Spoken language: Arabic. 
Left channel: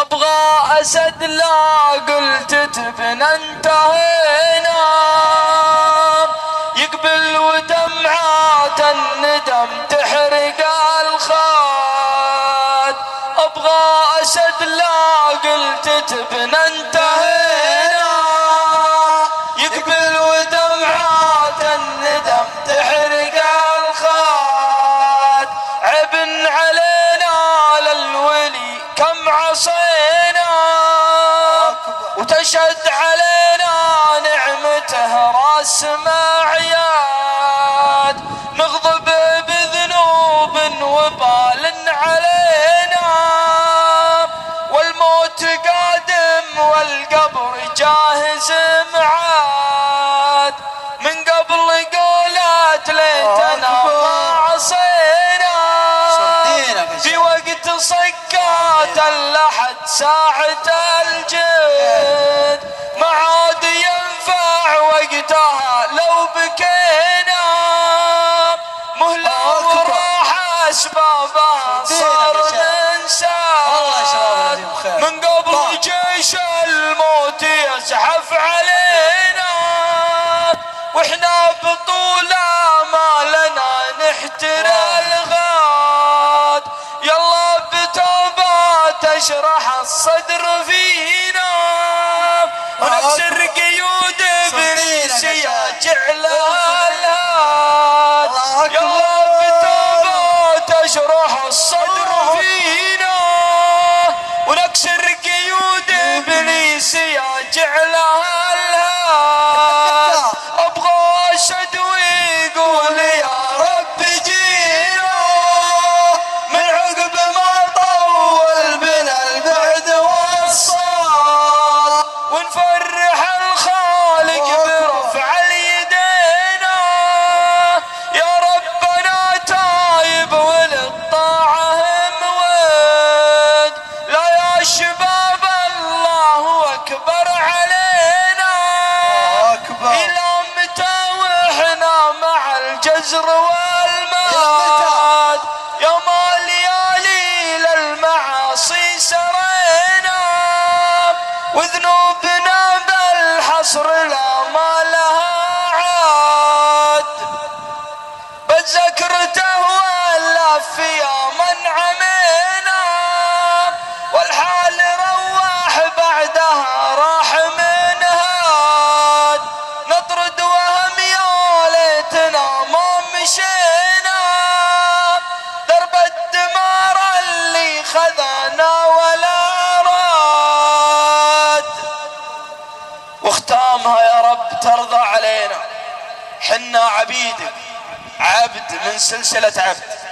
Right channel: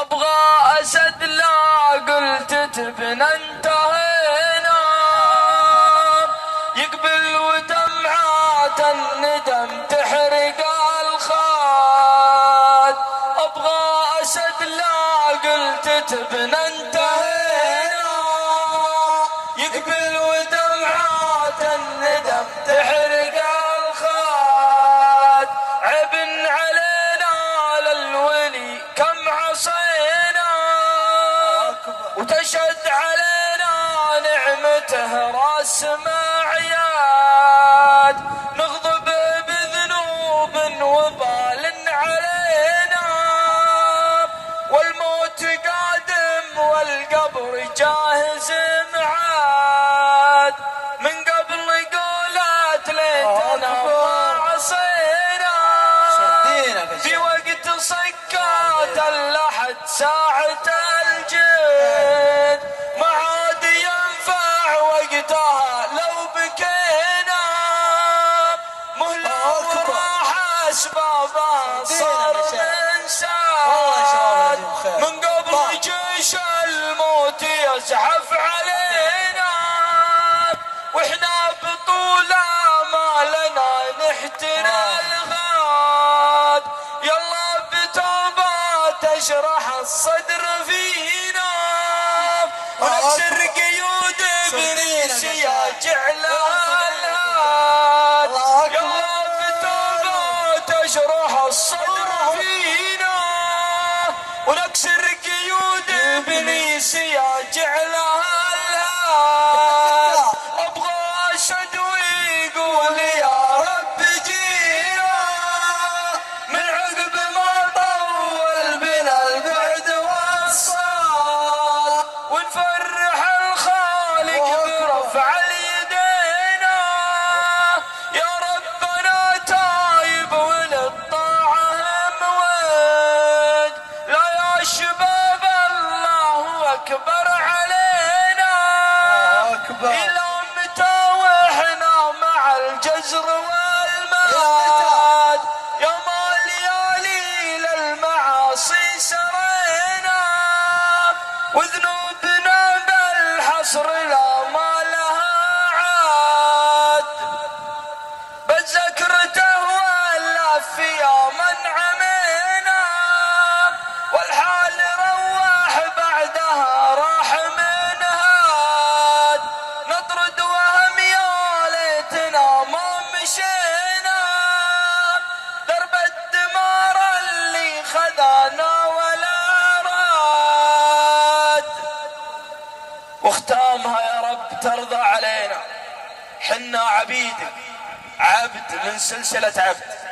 ابغى اسد لا قلت تبنى انتهينا، يقبل ودمعات الندم تحرق الخد. ابغى اسد لا قلت تبنى انتهينا، يقبل ودمعات الندم تحرق الخد. عب علينا للولي كم عصينا، وتشهد علينا نعمته راس معياد. نغضب بذنوب وبال علينا، والموت قادم والقبر جاهز معاد. من قبل قولات ليتنا ما عصينا، في وقت صكات اللحد ساعة الجد. ما عاد ينفع وقتها لو بكينا، مهلة وراح اسبابها صار انسان. من قبل جيش الموت يزحف علينا، واحنا بطول ما لنا نحترى الغاد. يلا بتوبة تشرح الصدر فينا، ونكسر قيود ابليس يجعلها الهاد. يلا بتوبة تشرح الصدر فينا، ونكسر قيود ابليس يجعلها الهاد. ابغى اسد ويقول يا رب جينا، من عقب ما طول بنا البعد والصال. ونفرح الخالق برفع اليدينا، يا ربنا تايب وللطاعة مويد. لا يا شباب الله اكبر علينا، الى متى واحنا مع الجزر والماد. يوم الليالي للمعاصي سرينا، وذنوبنا بالحصر لا ما لها عاد. بذكرته والف يا من عمينا، والحال رواح بعدها راح من هاد. نطرد وهم يا ليتنا ما مشينا، درب الدمار اللي خذانا ولا راد. واختامها يا رب ترضى علينا، حنا عبيدك عبد من سلسلة عبد.